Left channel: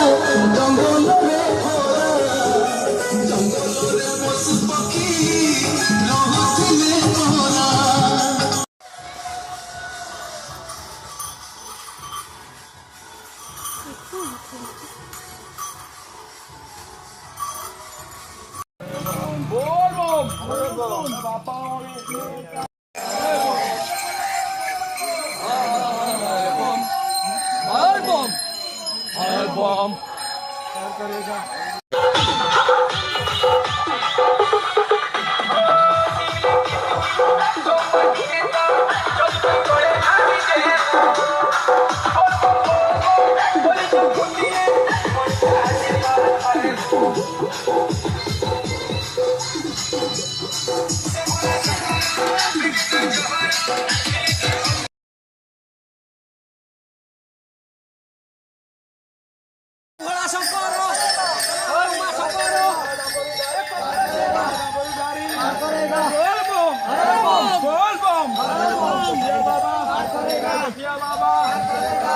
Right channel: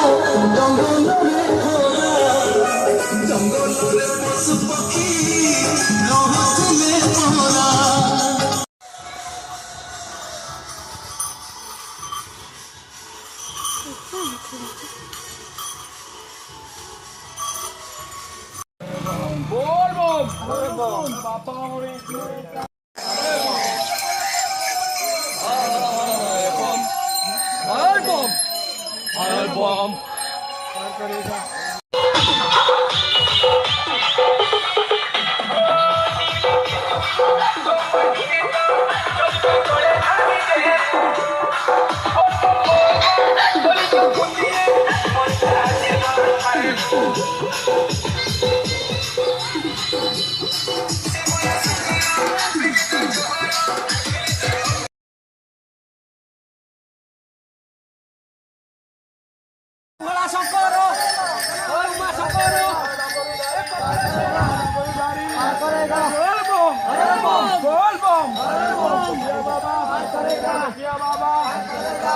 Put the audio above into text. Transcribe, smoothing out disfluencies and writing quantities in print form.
जंगल जंगल पशु पक्षी रहुथिले तोरा बोल बोल बापा बम करेगा Wala Socorro! Oh, Ma Socorro! Bom! Bom! Bom! Bom! Bom!